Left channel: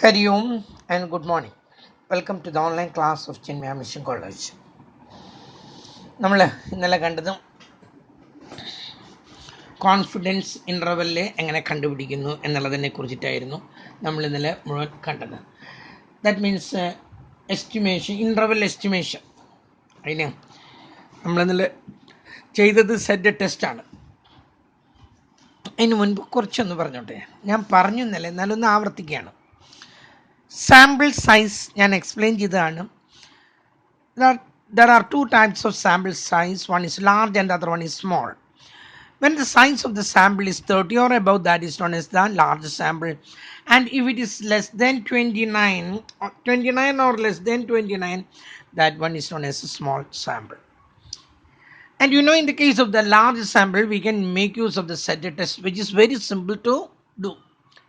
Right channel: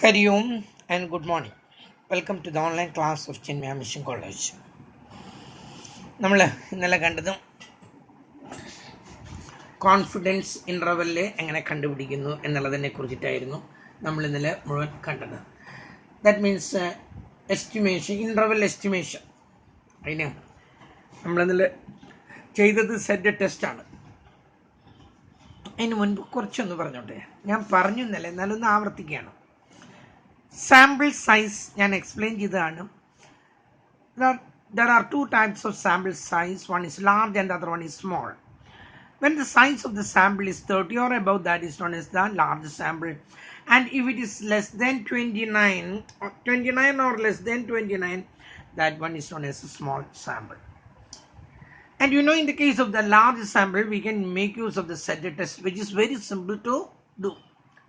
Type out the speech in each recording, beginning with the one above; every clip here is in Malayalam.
Hari Om and good morning. Welcome to the online class of Chinmaya Mission College. നമ്മൾ ഇന്നലെ കണ്ടതും കോൺഫിഡൻസ് ഇൻ്റർവെല്ല് എങ്ങനെ കണ്ടുപിടിക്കുന്നു എന്നുള്ളതിനെ കുറിച്ചിട്ടായിരുന്നു നമ്മൾ ഇന്നലെ മുഴുവൻ കണ്ടത്. That means estimation, interval estimation. അതിന് നമ്മൾ ഇന്നലെ ചെയ്തത് സെറ്റ് ടെസ്റ്റാണ്. അതിന് മുൻപ് കുറച്ചൊന്ന് പറഞ്ഞോട്ടെ, ഞാൻ പറഞ്ഞു ഇന്നലെ, എന്നാലൊന്ന് ആവർത്തിക്കുകയാണ്. സാമ്പിൾ സൈസ് ഞാൻ എക്സ്പ്ലെയിൻ ചെയ്തതാണ്. There are two types of sample size. One is large and the other one is small. When the size of the sample is 30 or above, that is known as the large sample. And if it is less than 29 or less than 29, that one is known as a small sample. And you know, in the case of the large sample, we can make use of the set test, which is very simple to do.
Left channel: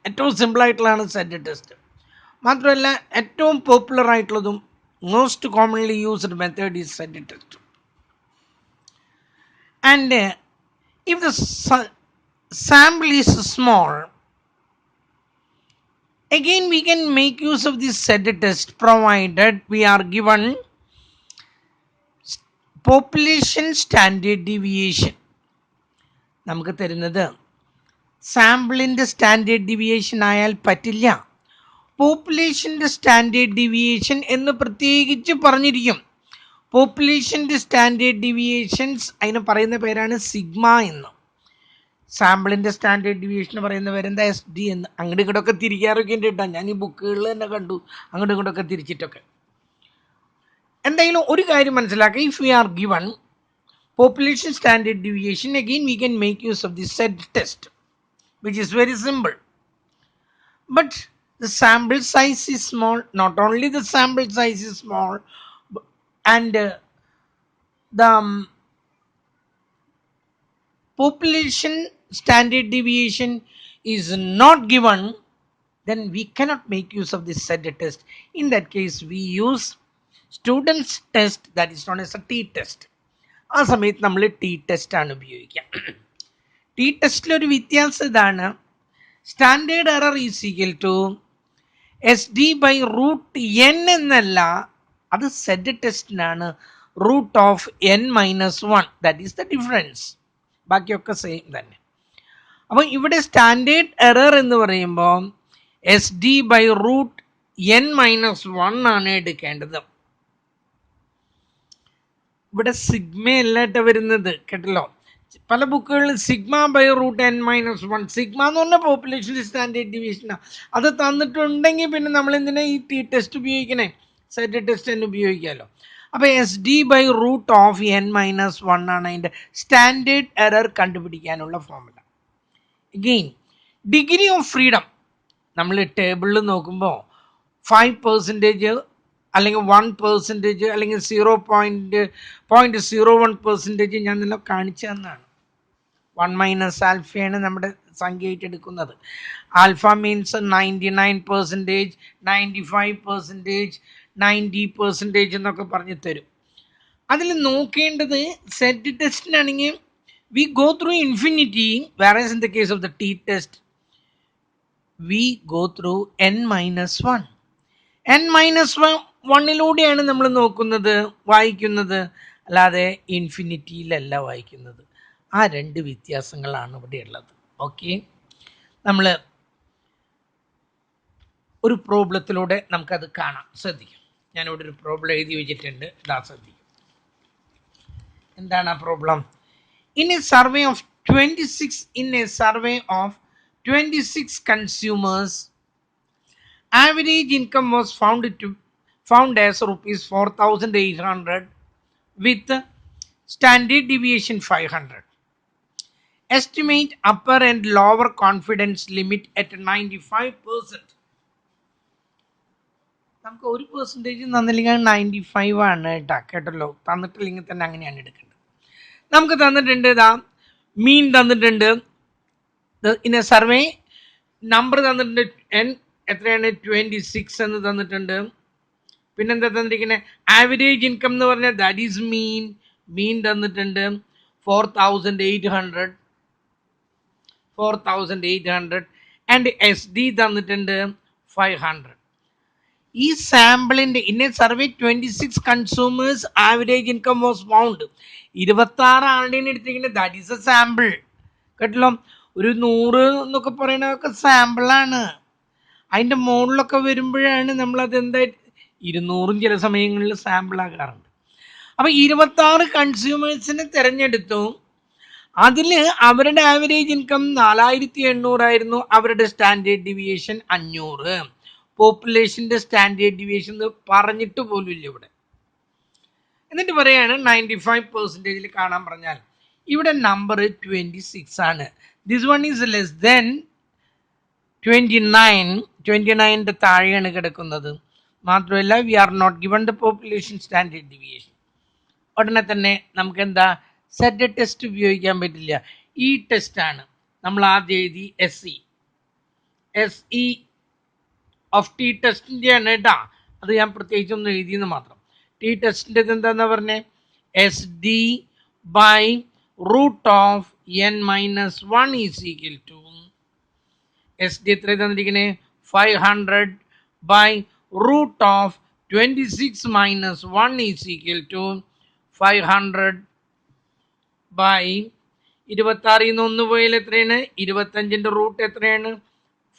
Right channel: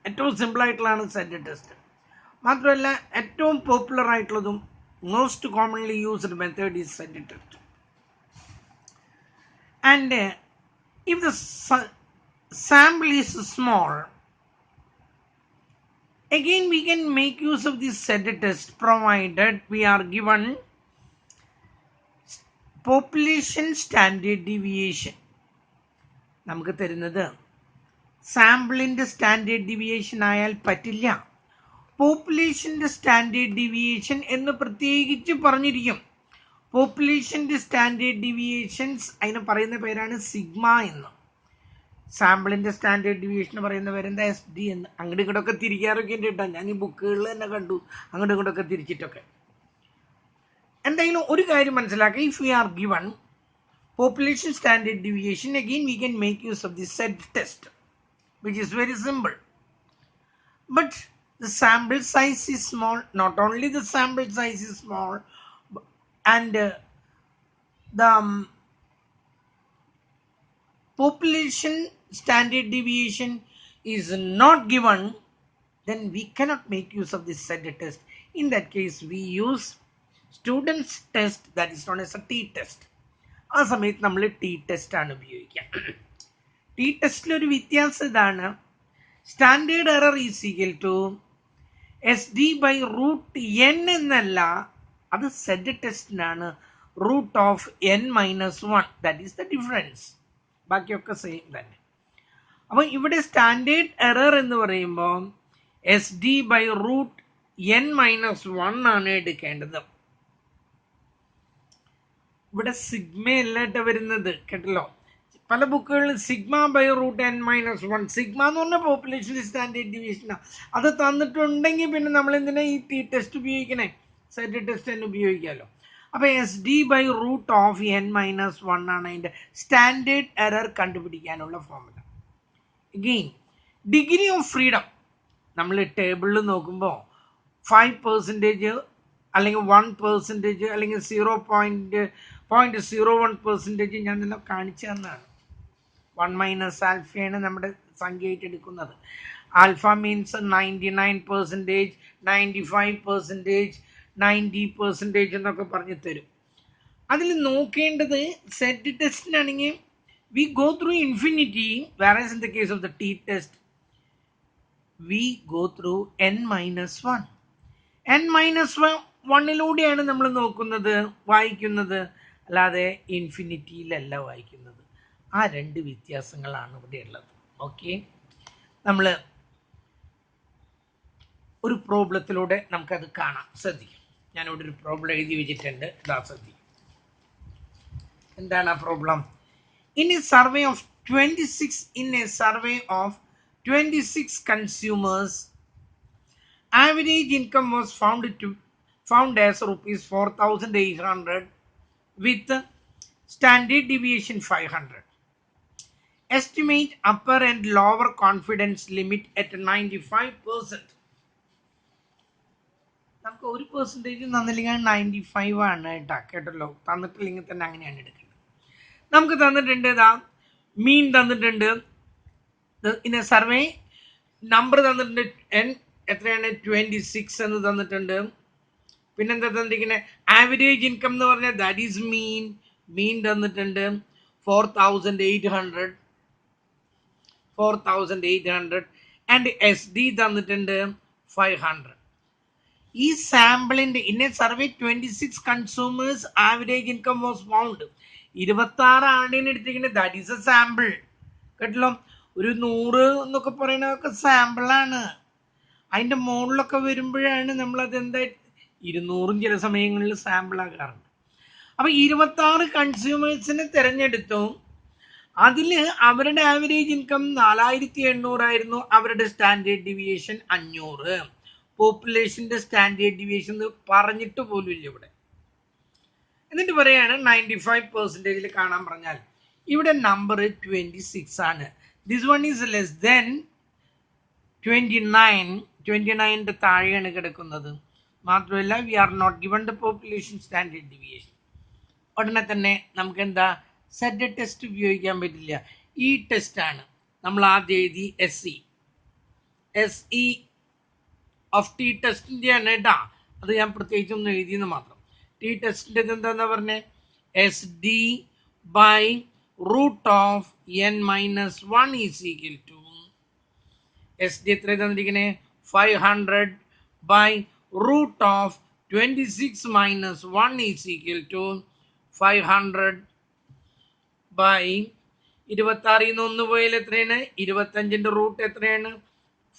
ഏറ്റവും സിമ്പിൾ ആയിട്ടുള്ളതാണ് സെറ്റ് ടെസ്റ്റ്. മാത്രമല്ല ഏറ്റവും പോപ്പുലർ ആയിട്ടുള്ളതും most commonly used method is set test. And if the sample is small, again we can make use of this set test provided we are given population standard deviation. നമുക്ക് തരുന്നത് സാമ്പിളിൻ്റെ സ്റ്റാൻഡേർഡ് ഡീവിയേഷൻ ആയാൽ പറ്റില്ല, പോപ്പുലേഷൻ്റെ സ്റ്റാൻഡേർഡ് ഡീവിയേഷൻ എന്ന് പ്രത്യേകിച്ച് പറഞ്ഞിരിക്കും. പോപ്പുലേഷൻ്റെ സ്റ്റാൻഡേർഡ് ഡീവിയേഷൻസ് അതിന് പറയുന്ന പേരാണ് സിഗ്മ എന്ന്. സാമ്പിളിൻ്റെ സ്റ്റാൻഡേർഡ് ഡീവിയേഷൻ പറയുന്ന പേരെന്താ? SD എന്ന്. അങ്ങോട്ട് ഇങ്ങോട്ടൊക്കെ തിരിക്കാറൊക്കെ ഉണ്ട് കേട്ടോ, ഞാൻ ഈ ബുക്കുകളിൽ തന്നെ കണ്ടു അങ്ങോട്ട് ഇങ്ങോട്ടൊക്കെ തിരിച്ചിട്ടൊക്കെ. എന്തായാലും ഒരു കാര്യം മനസ്സിലാക്കുക, if we are given population standard deviation, again we can make use of the set test, which is very simple. But the sample size is small. Not only the sample size is small, and the population standard deviation is not given, then we cannot make use of this set test. In that case, we use students test, that is known as a T test. ആ സമയത്ത് നമ്മൾ ടി ടെസ്റ്റ് ആണ് ഉപയോഗിക്കുക. ടി ടെസ്റ്റിലൊരു വ്യത്യാസം ഇതാണ്, standard error is equal to SD/√n എന്നല്ല, അത് സെറ്റ് ടെസ്റ്റിനാണ് √n-1. That is the difference. ബാക്കിയൊക്കെ സെയിം തന്നെ. അപ്പോൾ ഇവിടെ സ്റ്റാൻഡേർഡ് എറർ എന്ന് പറയുമ്പോൾ SD/√n-1 ആണ് എടുക്കേണ്ടത്. ഇവിടെ സിഗ്മ അല്ലാട്ട് വരുന്നത്, കേട്ടല്ലോ. പല ബുക്കുകളിൽ sigma/√n-1, സിഗ്മ എന്ന് പറഞ്ഞാൽ പോപ്പുലേഷൻ സ്റ്റാൻഡേർഡ് ഡീവിയേഷനാണ്. അത് തന്നിട്ടുണ്ടെങ്കിൽ പിന്നെ നമ്മൾ എന്തിനാ ഈ ടി ടെസ്റ്റ് ഉപയോഗിക്കണേ? സെറ്റ് ടെസ്റ്റ് തന്നെ ഉപയോഗിക്കാമല്ലോ. അപ്പോൾ SD/√n-1 ആണ് അതിൻ്റെ സ്റ്റാൻഡേർഡ് എറർ കണ്ടുപിടിക്കാനുള്ള formula. Again degree of freedom നമ്മൾ ടേബിളിൽ നോക്കുമ്പോൾ 5% അല്ലെങ്കിൽ 1% അല്ലെങ്കിൽ 0.01% ഞാൻ നിന്നെ കാണിച്ചു തന്നാണ്. 1 - ആൽഫയാണ് നമ്മുടെ സംഖ്യയായിട്ട് എടുക്കുന്നത്. ആൽഫ മീൻസ് 99%, 95%, 90% എന്നൊക്കെ പറഞ്ഞു തരും. അതിൽ നോക്കേണ്ടത് സെറ്റ് ടെസ്റ്റിനാണെങ്കിൽ we go through infinity, whereas in the case of the T test we go through n-1. n-1ലൂടെയാണ് നമ്മൾ നോക്കുന്നത്, വായിക്കുന്നത്, അല്ലാതെ ഇൻഫിനിറ്റിയിലല്ല വായിക്കുന്നത്. ആ രണ്ട് വ്യത്യാസങ്ങളാണ് ഇവിടെ ഉള്ളത്. ഓക്കെ, നമ്മൾ ഒരു പ്രോബ്ലത്തിലൂടെ നമുക്കത് കാണാം. ശ്രദ്ധിക്കും, ഞാനിവിടെ ഒരു പ്രോബ്ലം എഴുതി വെച്ചിട്ടുണ്ട്, ഇതാ ശ്രദ്ധിക്കും. എന്താണ് ആ problem? In a survey of 26 consumers, average income was found as rupees 4,800 with standard deviation 500. Estimate upper and lower confidence limit at 95%. നമുക്ക് 1% തന്നില്ലെങ്കിൽ 95 ആണ് കേട്ടോ, കേട്ടല്ലോ. തന്നിട്ടില്ലെങ്കിൽ തന്നെ അങ്ങനെയാണ് എടുക്കേണ്ടത്. നമുക്ക് തന്നിട്ടുണ്ട്, ഇതാ മീൻ തന്നിട്ടുണ്ട്, ഇൻ എ സർവേ നമ്പർ തന്നിട്ടുണ്ട്, എത്രയാണ് 26 എന്ന് തന്നിട്ടുണ്ട്. പിന്നെന്താ തന്നിരിക്കുന്നത്? ആവറേജ് ഇൻകം എന്ന് പറഞ്ഞാൽ ദാറ്റ് ഈസ് മീൻ തന്നിട്ടുണ്ട് 4,800 ആൻഡ് SD തന്നിട്ടുണ്ട് 500. ഈ സാമ്പിളിന്റെ in a survey 26 consumers average income was found. 26 ആളുടെയാണ് എടുത്തിരിക്കുന്നത്. That is a sample. കേട്ടല്ലോ, ഒരു 100 എന്നൊക്കെ പറയുന്നതൊക്കെ സാമ്പിളാണ്. അതിൻ്റെ മുകളിലൊക്കെ വരുമ്പോഴാണ് നമ്മളത് എന്താ 200 ചില സമയങ്ങളിൽ സാമ്പിൾ ആകാറുണ്ട്. അപ്പം 26 കൺസ്യൂമേഴ്സിനെ തിരഞ്ഞെടുത്തു. അതിൽ അവരുടെ ആവറേജ് ഇൻകം 4800 ആയിരുന്നു. അവരുടെ സ്റ്റാൻഡേർഡ് ഡിവിയേഷൻ 500. പോപ്പുലേഷൻ്റെ സ്റ്റാൻഡേർഡ് ഡിവിയേഷൻ പറഞ്ഞിട്ട് പോലും ഇല്ല ഇവിടെ. എന്നിട്ട് പറയാണ് 95% കാണാൻ പറഞ്ഞാൽ ഇവിടെ നമ്പർ 26 ആണ്. This one is less than 29. 29ന്റെ താഴെയാണ് കിടക്കുന്നത്. മാത്രമല്ല we are not given the population standard deviation. ഉടനെ തന്നെ നമുക്ക് എന്താ സെറ്റ് ടെസ്റ്റ് ഉപയോഗിക്കാൻ പറ്റില്ല. ഈ ടെസ്റ്റാണ് നമ്മൾ ആദ്യം എഴുതി. SE ഓഫ് ടി ടെസ്റ്റിൻ്റെ ആണ് കേട്ടാ. അത് ഞാൻ പ്രത്യേകിച്ചൊന്നും എഴുതിയെന്ന് മാത്രം. ടി ടെസ്റ്റിൻ്റെ എന്താണെന്നാ പറഞ്ഞേ, SD by root of n-1 is equal to SD എത്ര തന്നിരിക്കണേ 500 by root of 26 minus 1 is equal to 500 by 26 1 പോയാൽ എത്രയാണ് 25ൻ്റെ റൂട്ട് എത്രയാണ്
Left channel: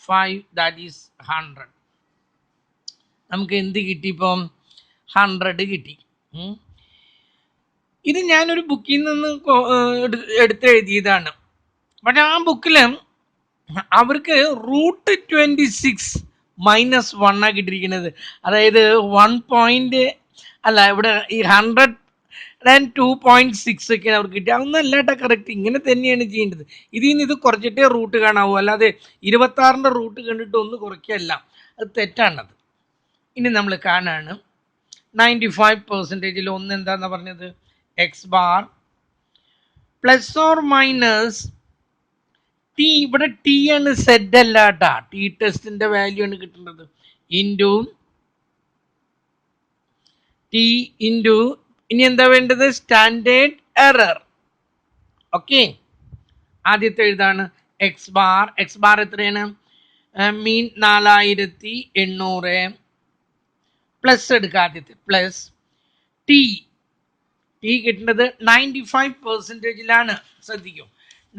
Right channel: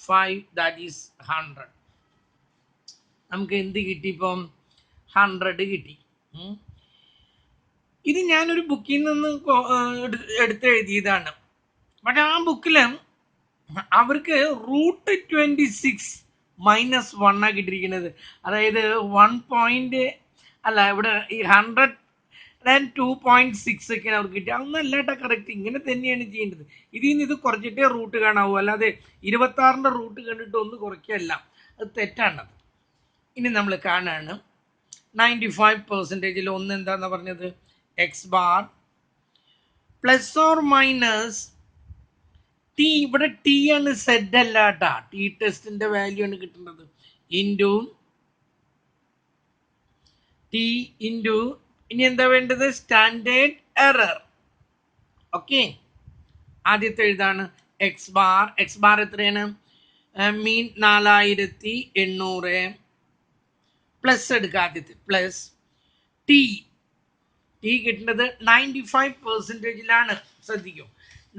5, ദാറ്റ് ഈസ് 100. നമുക്ക് എന്ത് കിട്ടി? ഇപ്പം 100 കിട്ടി. ഇത് ഞാനൊരു ബുക്കിൽ നിന്ന് എടുത്ത് എഴുതിയതാണ്. പക്ഷെ ആ ബുക്കിൽ അവർക്ക് റൂട്ട് 26 മൈനസ് 1 ആണ് കിട്ടിയിരിക്കുന്നത്. അതായത് 1 അല്ല, ഇവിടെ ഈ 102.6 ഒക്കെയാണ് അവർക്ക് കിട്ടിയത്. അതൊന്നും അല്ലാട്ട കറക്റ്റ്. ഇങ്ങനെ തന്നെയാണ് ചെയ്യേണ്ടത്. ഇതിൽ നിന്ന് ഇത് കുറച്ചിട്ടേ റൂട്ട് കാണാവൂ, അല്ലാതെ 26ൻ്റെ റൂട്ട് കണ്ടിട്ട് ഒന്ന് കുറയ്ക്കല്ല. അത് തെറ്റാണത്. ഇനി നമ്മൾ കാണാണ് 95%-ൽ ഒന്ന് എന്താന്ന് പറഞ്ഞത് X bar plus or minus T. ഇവിടെ ടി ആണ്, സെഡ് അല്ല കേട്ടാ. ടി ടെസ്റ്റിന്റെ വാല്യൂ ആണ് കിട്ടുന്നത്. ഇൻറ്റു ടി ഇൻറ്റു ഇനി എന്താ വേണ്ടത് സ്റ്റാൻഡേർഡ് എറർ. ഓക്കെ, ആദ്യത്തെ എഴുതാണ് എക്സ് ബാർ. എക്സ് ബാർ എത്രയാണ്? മീൻ 4800 പ്ലസ് എടുക്കുക. ആദ്യത്തെ പ്ലസ് ടി. ടി കിട്ടുന്നത് 95%-ലാണ്. ശ്രദ്ധിക്കും,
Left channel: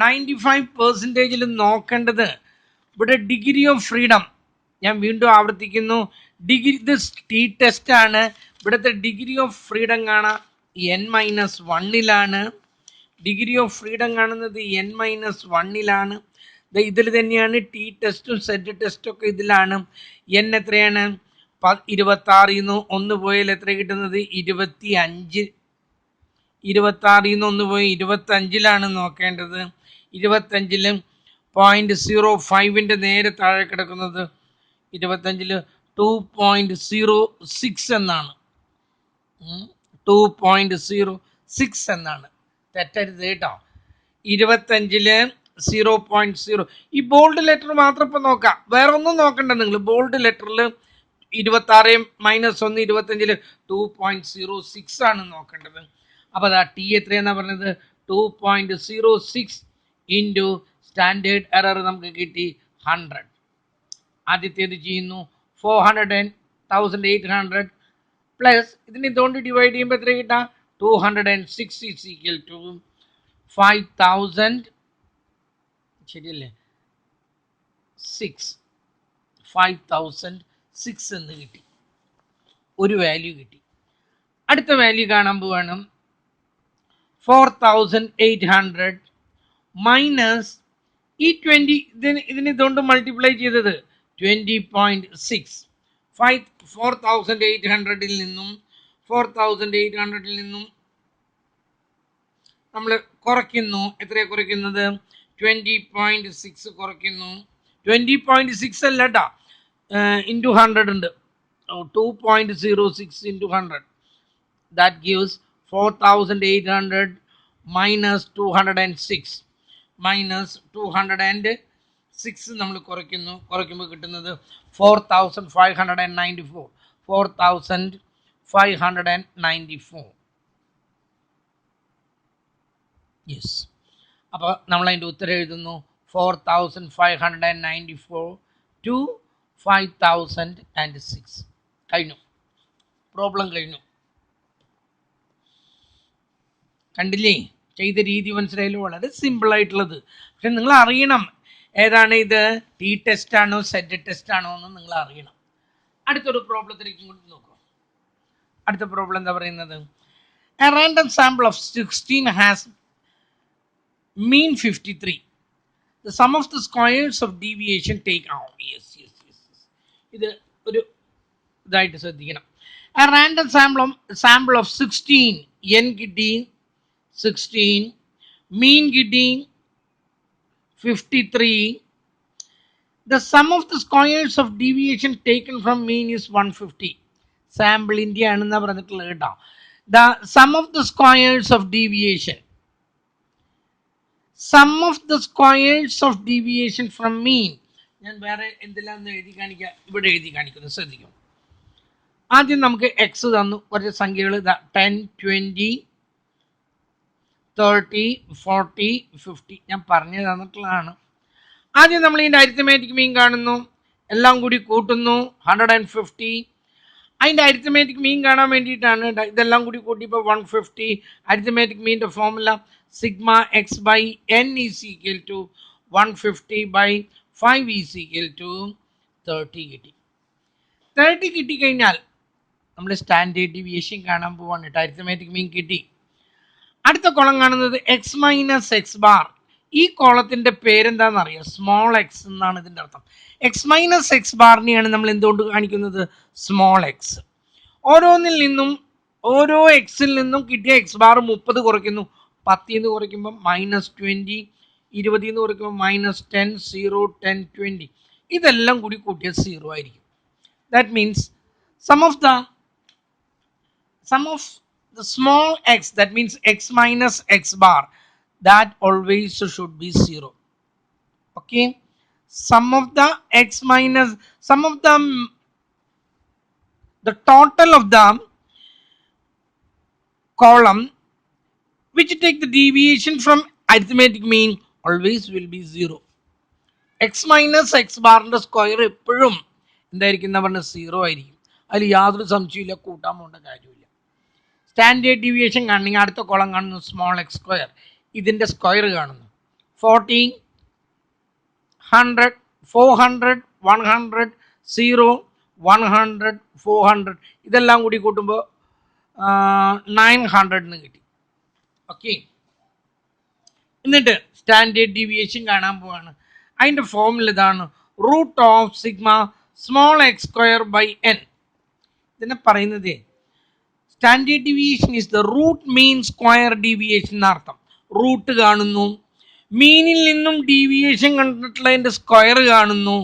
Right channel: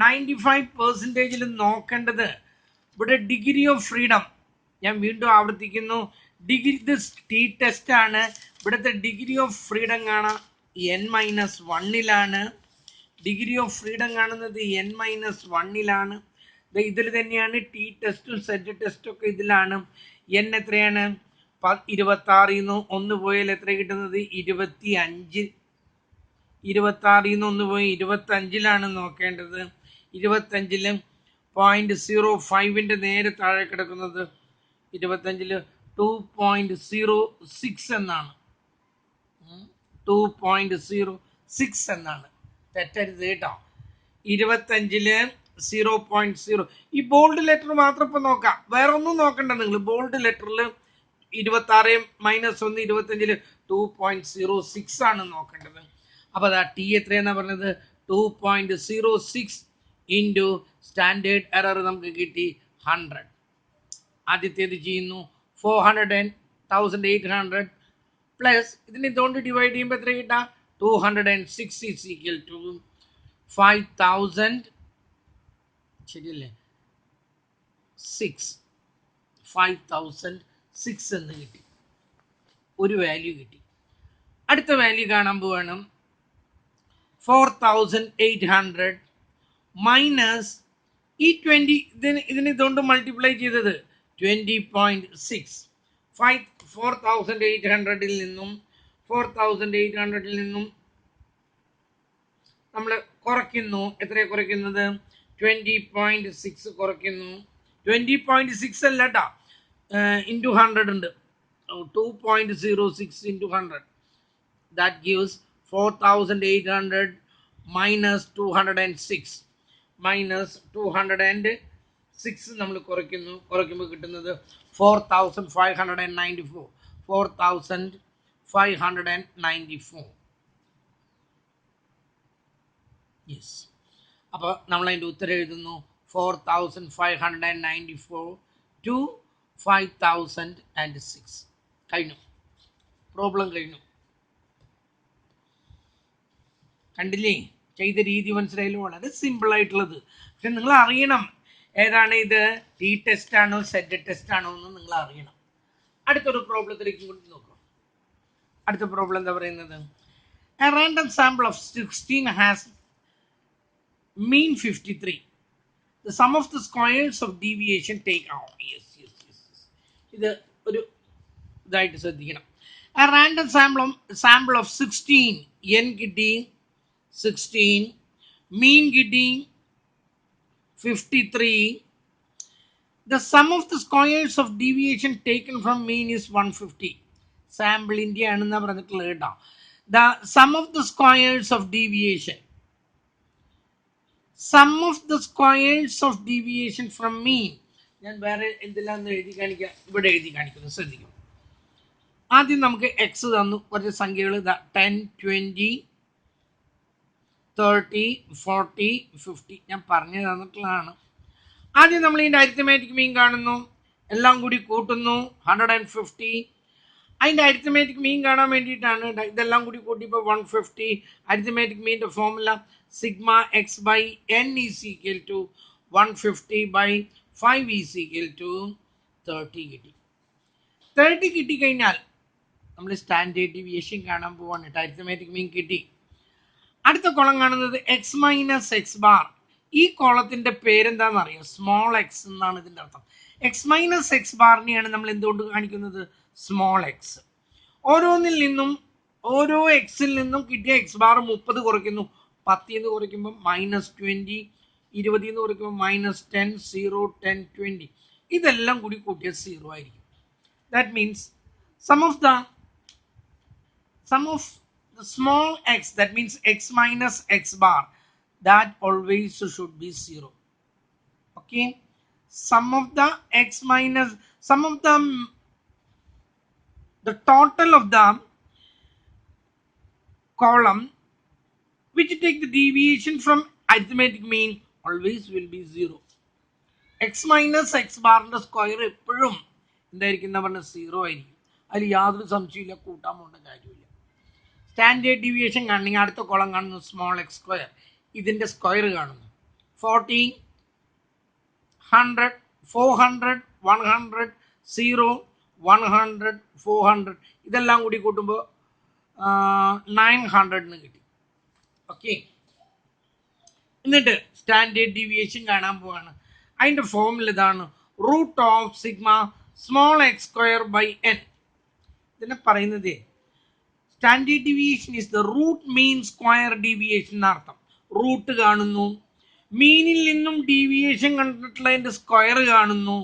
95%-ൽ നോക്കേണ്ടത് ഇവിടെ ഡിഗ്രി ഓഫ് ഫ്രീഡം. ഞാൻ വീണ്ടും ആവർത്തിക്കുന്നു, ഡിഗ്രി ഇത് ടി ടെസ്റ്റ് ആണ്. ഇവിടുത്തെ ഡിഗ്രി ഓഫ് ഫ്രീഡം കാണാം n-1-ലാണ്. ഡിഗ്രി ഓഫ് ഫ്രീഡം കാണുന്നത് n-1-ലാണ്. ഇതിൽ തന്നെയാണ് ടി ടെസ്റ്റും സെറ്റ് ടെസ്റ്റും ഒക്കെ ഇതിലാണ്. n എത്രയാണ്? 26 1 പോയാൽ എത്ര കിട്ടുന്നത് 25. 26 1 പോയി 25-ലാണ് നോക്കേണ്ടത്. 25-ൽ 0.05ൻ്റെ നേരെ താഴെ കിടക്കുന്നത് 25-ൽ 2.06 എന്നാണ്. 2.06 എന്നാണ്. തെറ്റരുത് കേട്ടോ. 25-ൽ 0.0. ഈ ബോൾഡ് ലെറ്റർ മാത്രം ഇപ്പം നോക്കാം, വേറെ ഒന്നും നോക്കണ്ട നിങ്ങൾ. ബോൾഡ് ലെറ്ററിൽ 26 മൈനസ് 1 25-ൽ 2.06 ആണ് നോക്കേണ്ടത്. അപ്പോൾ അതാ ടി എത്രയെന്നാണ് പറഞ്ഞത് 2.06 ഇൻറ്റു സ്റ്റാൻഡേർഡ് എറർ നമുക്ക് കിട്ടി 100. ആദ്യത്തേത് ചെയ്യുന്നു 400,800 പ്ലസ് ഇതിന് ഇതുകൊണ്ട് ഡിവൈഡ് ചെയ്യുമ്പോൾ എത്ര കിട്ടാം 206 ഈസ് ഈക്വൽ ടു 5,000. ശരിയല്ലേ? 5,006 എന്ന് കിട്ടി. ഒരു വാല്യൂ കിട്ടി. അടുത്ത വാല്യൂ കാണാൻ പോവാണ് 4,800 മൈനസ് ഈ 20. ഇതിന് ഇതുകൊണ്ട് മൾട്ടിപ്ലൈ ചെയ്തത് 20.6. 4,800-ൽ നിന്നും 4,800-ൽ നിന്നും നമ്മൾ കുറയ്ക്കുന്നു. എത്രയാണ് കുറയ്ക്കുന്നത് 20.6 കുറയ്ക്കുന്നു. 20.6 അല്ല കേട്ടോ, ഇൻറ്റു 100 ഉണ്ട്. 2.06 into 100 that gives 4,800 minus 206 minus 206 നമ്മൾ കുറയ്ക്കുമ്പോൾ കിട്ടുന്നത് 4,594. 4,594. യെസ്. അപ്പോൾ നമ്മൾ അതിൻ്റെ ഉത്തരം എഴുതുന്നു 4,594 to 5,006. കഴിഞ്ഞു, പ്രോബ്ലം കഴിഞ്ഞു. കണ്ടില്ലേ, ചെയ്ത രീതി മനസ്സിലായാലും വളരെ സിമ്പിൾ ആയിട്ടുള്ളത്. പക്ഷെ നിങ്ങൾ അറിയണം ഏതാണ് ഇത്, ടി ടെസ്റ്റ് ആണോ സെറ്റ് ടെസ്റ്റ് ആണോ എന്ന് നിങ്ങൾ അറിയണം. അടുത്തൊരു പ്രോബ്ലത്തിലേക്ക് കൊണ്ട് നോക്കൂ. അടുത്ത പ്രോബ്ലം എന്താ പറയുന്നത്, a random sample of 16 has mean 53. The sum of the squares of deviation take out. Yes. ഇത് ഒരു ഇതായിട്ട് ശ്രദ്ധിക്കണം. A random sample of 16 n കിട്ടി 16, mean കിട്ടി 53. The sum of the squares of deviation taken from mean is 150. Sample India ആണെന്നാ പറഞ്ഞിട്ടുള്ളത് കേട്ടോ. The sum of the squares of deviation from mean, ഞാൻ വേറെ എന്തെല്ലാം എഴുതി കാണിക്കാം, ഇവിടെ എഴുതി കാണിക്കുന്നു, ശ്രദ്ധിക്കും. ആദ്യം നമുക്ക് എക്സ് തന്നു, കുറച്ച് സംഖ്യകൾ 10, 20, 30, 40, 50 ഞാൻ പറഞ്ഞു തന്നിട്ടുള്ളതാണ്. ആദ്യം നമ്മൾ ഇതിൻ്റെ അരിത്തമാറ്റിക് മീൻ കാണുന്നു, എല്ലാം കൂടി കൂട്ടുന്നു 150. അതിൻ്റെ അരിത്തമാറ്റിക് മീൻ കാണാൻ വേണ്ടിയിട്ടാണ് ഇതെല്ലാം കൂടി കൂട്ടിയപ്പോൾ 150. അരിത്തമാറ്റിക് മീൻ്റെ formula sigma x by n is equal to 150/5 is equal to 30 കിട്ടി. 30 കിട്ടിക്കഴിഞ്ഞാൽ നമ്മൾ സ്റ്റാൻഡേർഡ് ഡീവിയേഷൻ കാണാൻ പോവാണ് കേട്ടോ. അരിത്തമാറ്റിക് മീൻ കിട്ടി. അടുത്ത കോളം കാണുന്നത് എക്സ് മൈനസ് എക്സ് ബാർ. ഈ കോളത്തിൻ്റെ പേരെന്താണെന്ന് അറിയാം, സ്മോൾ എക്സ് എന്നാണ് ഇതിൻ്റെ അർത്ഥം. എക്സ് മൈനസ് എക്സ് ബാറിനെയാണ് നമ്മൾ എന്തുകൊണ്ട് കാണിക്കുന്നത്, സ്മോൾ എക്സ്. ഓരോ എക്സിൽ നിന്നും കിട്ടിയ എക്സ് ബാർ 30 കുറയ്ക്കുന്നു. 10 കുറയ്ക്കുമ്പോൾ -20, 20 കുറയ്ക്കുമ്പോൾ -10, 0, 10, 20 ഇതെല്ലാം കൂടി കൂട്ടിയ 0 ആയിരിക്കും. That means sum of the small x, that means x minus x bar, that always should be 0. Okay, the total of the column which take the deviation from arithmetic mean always will be 0. x minus x bar square എപ്പോഴും എന്തായിരിക്കും, 0 ആയിരിക്കും. അതിൽ യാതൊരു സംശയമില്ല, കൂട്ടാൻ പോകേണ്ട കാര്യമില്ല. സ്റ്റാൻഡേർഡ് ഡീവിയേഷൻ കാണണമെങ്കിൽ അടുത്ത കോളം കാണുന്നു സ്മോൾ എക്സ് സ്ക്വയർ, ഇതിൻ്റെ സ്ക്വയർ കാണുന്നു 40, 100, 400, 100, 0, 100, 400 ഇതെല്ലാം കൂടി കൂട്ടുമ്പോൾ 900 കിട്ടി. ഓക്കെ, എന്നിട്ട് സ്റ്റാൻഡേർഡ് ഡീവിയേഷൻ കാണാൻ പോവാണ്. അതിൻ്റെ ഫോമുല ഇതാണ്, root of sigma small x square by n. ഇതിനെ പറയുന്നത് standard deviation is the root mean square deviation എന്നർത്ഥം. റൂട്ട് കാണുന്നു, മീനിൽ നിന്നും ഡീവിയേഷൻ കണ്ടിട്ടുള്ളതിൻ്റെ സ്ക്വയർ കാണുന്നു,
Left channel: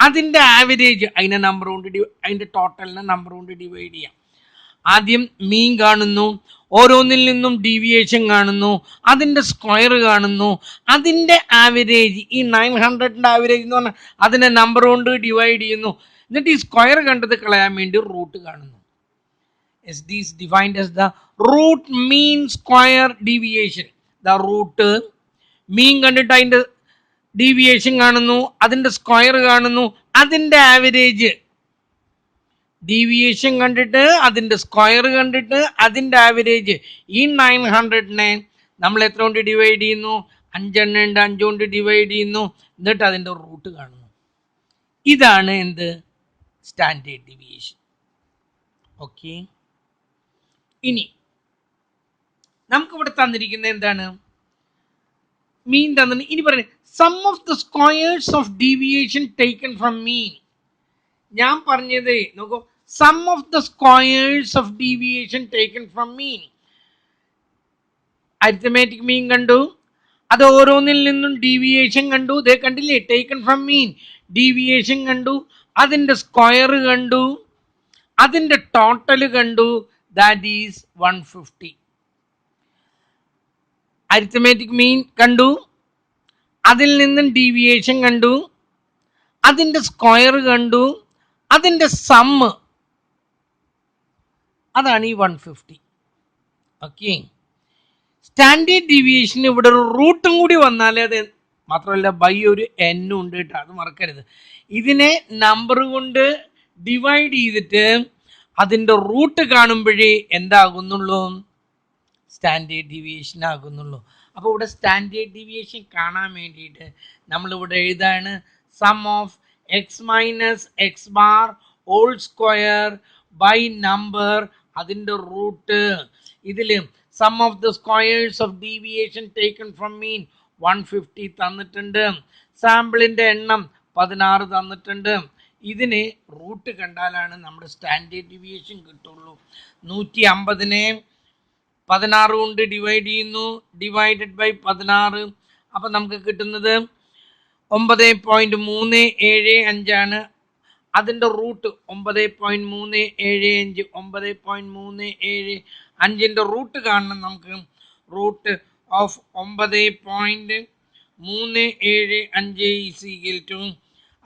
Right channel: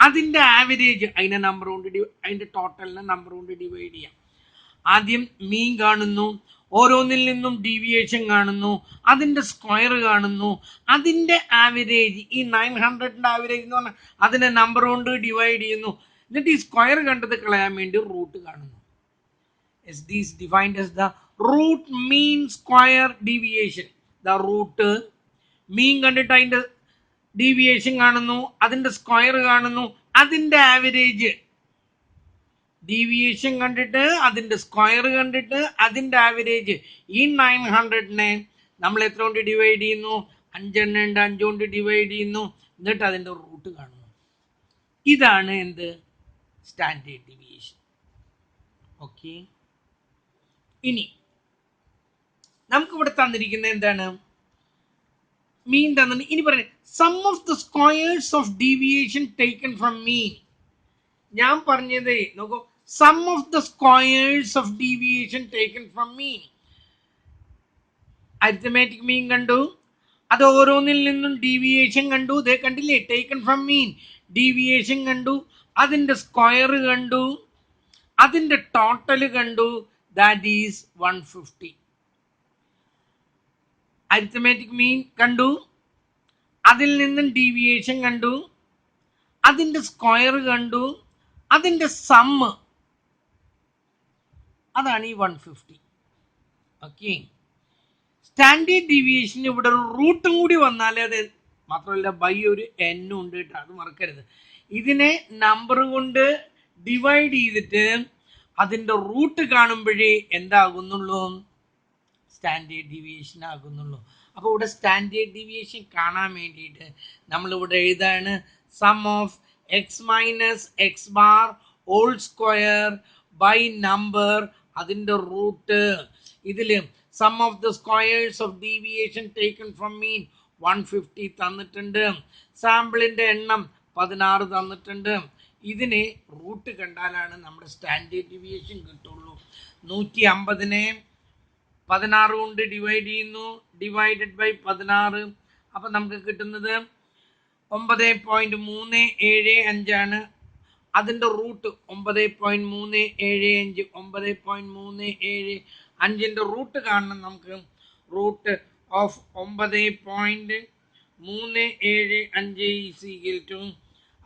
അതിൻ്റെ ആവറേജ് അതിൻ്റെ ടോട്ടലിനെ നമ്പർ കൊണ്ട് ഡിവൈഡ് ചെയ്യാം. ആദ്യം മീൻ കാണുന്നു, ഓരോന്നിൽ നിന്നും ഡീവിയേഷൻ കാണുന്നു, അതിൻ്റെ സ്ക്വയർ കാണുന്നു, അതിൻ്റെ ആവറേജ് ഈ 900ൻ്റെ ആവറേജ് എന്ന് പറഞ്ഞാൽ അതിനെ നമ്പർ കൊണ്ട് ഡിവൈഡ് ചെയ്യുന്നു. എന്നിട്ട് ഈ സ്ക്വയർ കണ്ടത് കളയാൻ വേണ്ടി റൂട്ട് കാണുന്നു. Is this defined as the root mean square deviation? The root mean കണ്ടിട്ട് അതിൻ്റെ ഡീവിയേഷൻ കാണുന്നു, അതിൻ്റെ സ്ക്വയർ കാണുന്നു, അതിൻ്റെ ആവറേജ്, ഡീവിയേഷൻ കണ്ടിട്ട് അതിൻ്റെ സ്ക്വയർ കണ്ടിട്ട് അതിൻ്റെ ആവറേജ്. ഈ 900നെ നമ്മൾ എത്ര കൊണ്ട് ഡിവൈഡ് ചെയ്യുന്നു, 5 ഉണ്ട്, 5 കൊണ്ട് ഡിവൈഡ് ചെയ്യുന്നു, എന്നിട്ട് അതിൻ്റെ റൂട്ട് കാണുന്നു. ഇതാണ് എന്ത്, സ്റ്റാൻഡേർഡ് ഡീവിയേഷൻ. ഓക്കെ, ഇനി നമുക്കിവിടെ തന്നിരിക്കുന്നത് എന്താണ്, മീൻ തന്നിട്ട് ഇനി പറയുന്നത് sum of the squares of deviation taken from mean. ഞാൻ പറഞ്ഞത് നോക്കൂ, sum of the squares of deviation taken from mean. Arithmetic mean കണ്ടു, അത് ഓരോന്നിൽ നിന്നും ഡീവിയേഷൻ കണ്ടു, ദേ കണ്ടില്ലേ, ടേക്കൺ ഫ്രം മീൻ ഡീവിയേഷൻ കണ്ടു, അതിൻ്റെ സ്ക്വയർ കണ്ടു, അതിൻ്റെ ടോട്ടൽ കണ്ടു, ദാറ്റ് ഈസ് 150. അരിത്തമാറ്റിക് മീൻ കണ്ടു, അതിൽ നിന്നും ഡീവിയേഷൻ കണ്ടു, അതിൻ്റെ സ്ക്വയർ കണ്ടു, അതിൻ്റെ സമ്മ്, അതാണ് ഈ 150. ഓക്കെ, സ്റ്റാൻഡേർഡ് ഡീവിയേഷൻ ഇവിടെ ഒരു റൂട്ടും കൂടി വന്നാലേ അത്, മാത്രമല്ല ബൈ ഒരു എന്നും ഉണ്ട് കേട്ടോ, അത് മറക്കരുത്. ഇതിനെ നമ്പർ കൊണ്ട് ഡിവൈഡ് ചെയ്തിട്ട് അതിൻ്റെ റൂട്ട് കാണുമ്പോഴേ എന്താകുന്നുള്ളൂ, സ്റ്റാൻഡേർഡ് ഡീവിയേഷൻ ആകുന്നുള്ളൂ. അപ്പോൾ ഇവിടെ സ്റ്റാൻഡേർഡ് ഡീവിയേഷൻ കാണാൻ വേണ്ടിയിട്ട് നമ്മളിവിടെ എഴുതാണ് sum of x minus x bar whole square by number അതിൻ്റെ റൂട്ട്. ഇതിൽ sum of the squares of deviation taken from mean 150 തന്നിട്ടുണ്ട്. സാമ്പിളിൻ്റെ എണ്ണം 16 തന്നിട്ടുണ്ട്. ഇതിന് റൂട്ട് കണ്ടാലാണ് നമ്മുടെ സ്റ്റാൻഡേർഡ് ഡീവിയേഷൻ കിട്ടുള്ളൂ. 150നെ 16 കൊണ്ട് ഡിവൈഡ് ചെയ്യുന്നു, ഡിവൈഡഡ് ബൈ 16. അപ്പം നമുക്ക് കിട്ടുന്നത് 9.375 ആണ്. അതിൻ്റെ റൂട്ട് 9.375, 9.375ൻ്റെ റൂട്ട് കാണണം നമുക്ക്. Root of 9.375 is equal to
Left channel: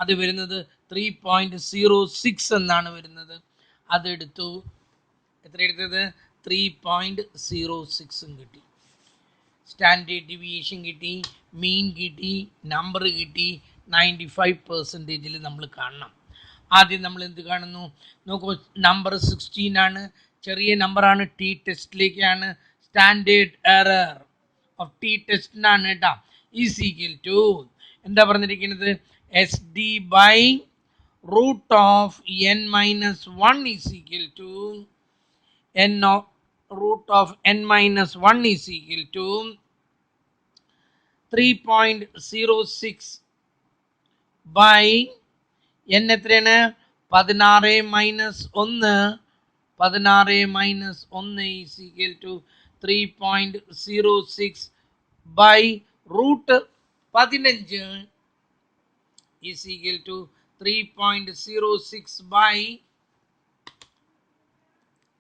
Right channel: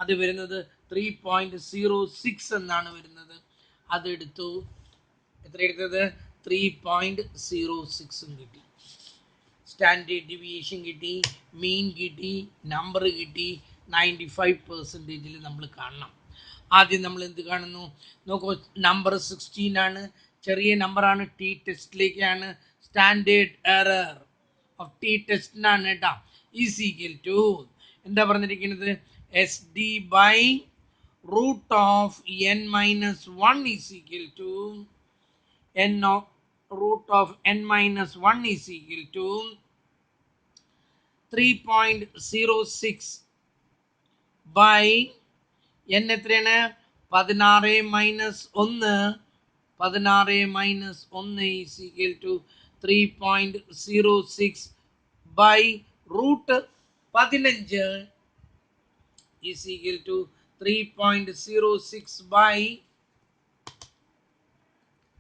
അത് വരുന്നത് 3.06 എന്നാണ് വരുന്നത്. അതെടുത്തു. എത്ര എടുത്തത്? 3.06 കിട്ടി. സ്റ്റാൻഡേർഡ് ഡീവിയേഷൻ കിട്ടി, മീൻ കിട്ടി, നമ്പർ കിട്ടി. 95% നമ്മൾ കാണണം. ആദ്യം നമ്മൾ എന്ത് കാണുന്നു നോക്കൂ, നമ്പർ 16 ആണ്, ചെറിയ നമ്പറാണ്, ടി ടെസ്റ്റിലേക്കാണ്. സ്റ്റാൻഡേർഡ് എറർ ഓഫ് ടി ടെസ്റ്റിനാണ് കേട്ടോ. ഈസ് ഈക്വൽ ടു എന്താ പറഞ്ഞിരിക്കുന്നത്, S D by root of n minus 1 is equal to root of n minus 1 is equal to 3.06 by n എത്രയാണ്? 16 മൈനസ് 1, 16 മൈനസ് 1 is equal to 3.06 by root 15 is equal to 3.06 by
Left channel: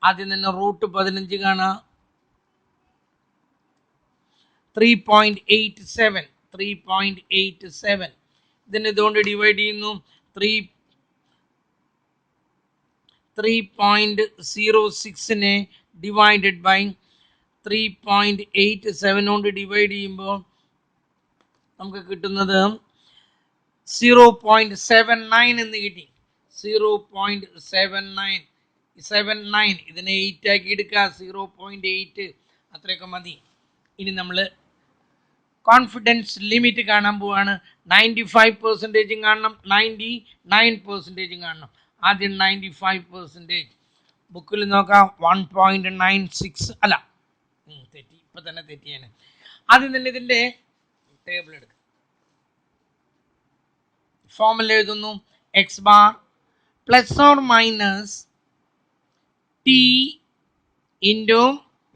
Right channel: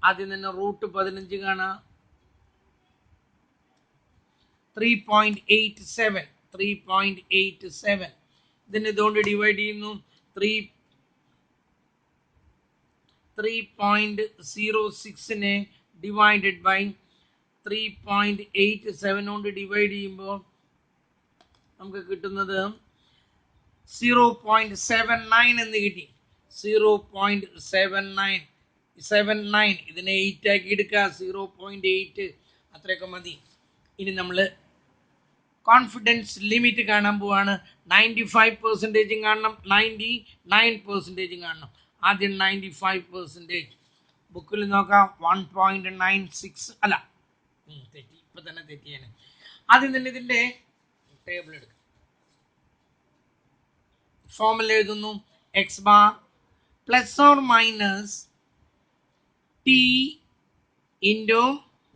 ആദ്യം തന്നെ റൂട്ട് 15 കാണാം, 3.87. 3.87 ഇതിനെ ഇതുകൊണ്ട് ഡിവൈഡ് ചെയ്യുന്നു. 3.06നെ ഡിവൈഡഡ് ബൈ 3.87 കൊണ്ട് ഡിവൈഡ് ചെയ്യുമ്പോൾ നമുക്ക് കിട്ടുന്നത് 0.79 എന്ന് കിട്ടി. 0.79 ഇതിനെ 8 ആക്കി എടുക്കുക. 0.8 അത്രയൊക്കെ മതി. ഇനി നമ്മൾ കോൺഫിഡൻസ് ലിമിറ്റ് കാണാൻ പോവാണ്. 95% കാണണം, 99% കാണണം. ആദ്യം 95%. ബുക്കിൽ നോക്കാം 1.96 അല്ല, തെറ്റി, ഇപ്പം തന്നെ തെറ്റിയാണ്. ആദ്യം തന്നെ ഇതിൻ്റെ ടേബിൾ എടുക്കുക. ഫോർമുല എഴുതുന്നു, x bar plus or minus t into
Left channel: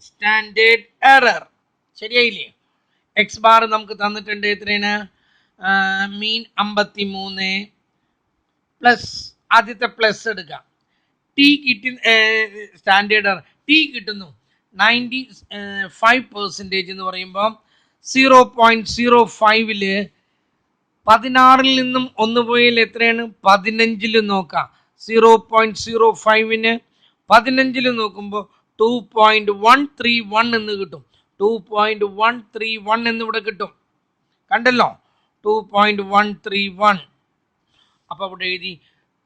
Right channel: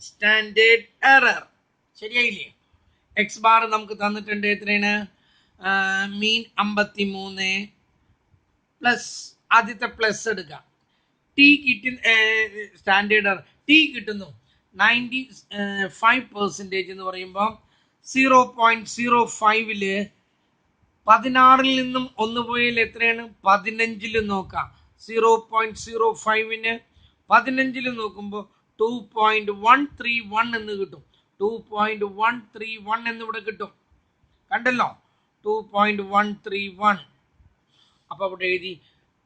standard error. ശരിയായില്ലേ? എക്സ് ബാർ നമുക്ക് തന്നിട്ടുണ്ട്. എത്രയാണ്? മീൻ 53 പ്ലസ് ആദ്യത്തെ പ്ലസ് എടുക്കാം. ടി കിട്ടി, സ്റ്റാൻഡേർഡ് എറർ ടി കിട്ടുന്നു 95% എന്ന് പറയുമ്പോൾ 0.05 16 നിന്നും 1 പോയാൽ എത്രയാണ്? 15 നോക്കാം. 0.05ന് 15 നോക്കുമ്പോൾ 2.131 എന്ന് കിട്ടും. 2.131 എന്നിവിടെ കിട്ടും. കണ്ടല്ലോ, 2.131. അപ്പോൾ അവിടെ എഴുതി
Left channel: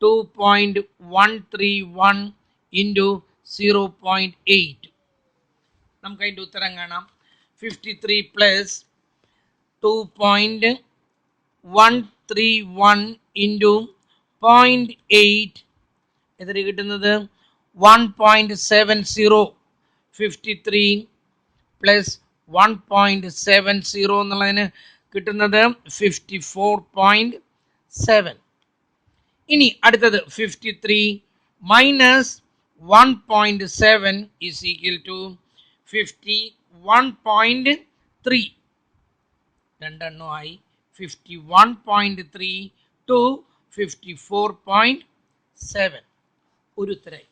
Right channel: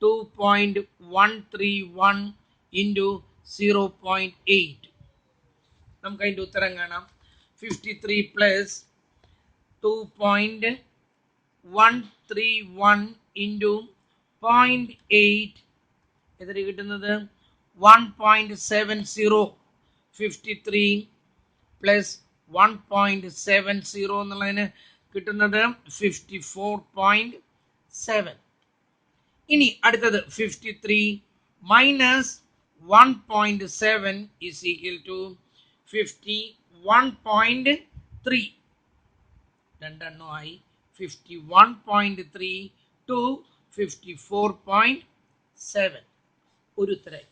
2.131 ഇൻറ്റു 0.8. നമുക്ക് അതിൻ്റെ ഉത്തരം കാണാം. 53 പ്ലസ് 2.131 ഇൻറ്റു 0.8 എത്ര കിട്ടുന്നത്? 1.70. 53 പ്ലസ് 1.70 എന്നുള്ളതിന് കിട്ടുന്നത് 54.7. ഇനി അടുത്തത് 53 minus 1.7 is equal to 51.3. രണ്ടെണ്ണമായി 51.3 to 54.7. ഒരു ഉത്തരമായി.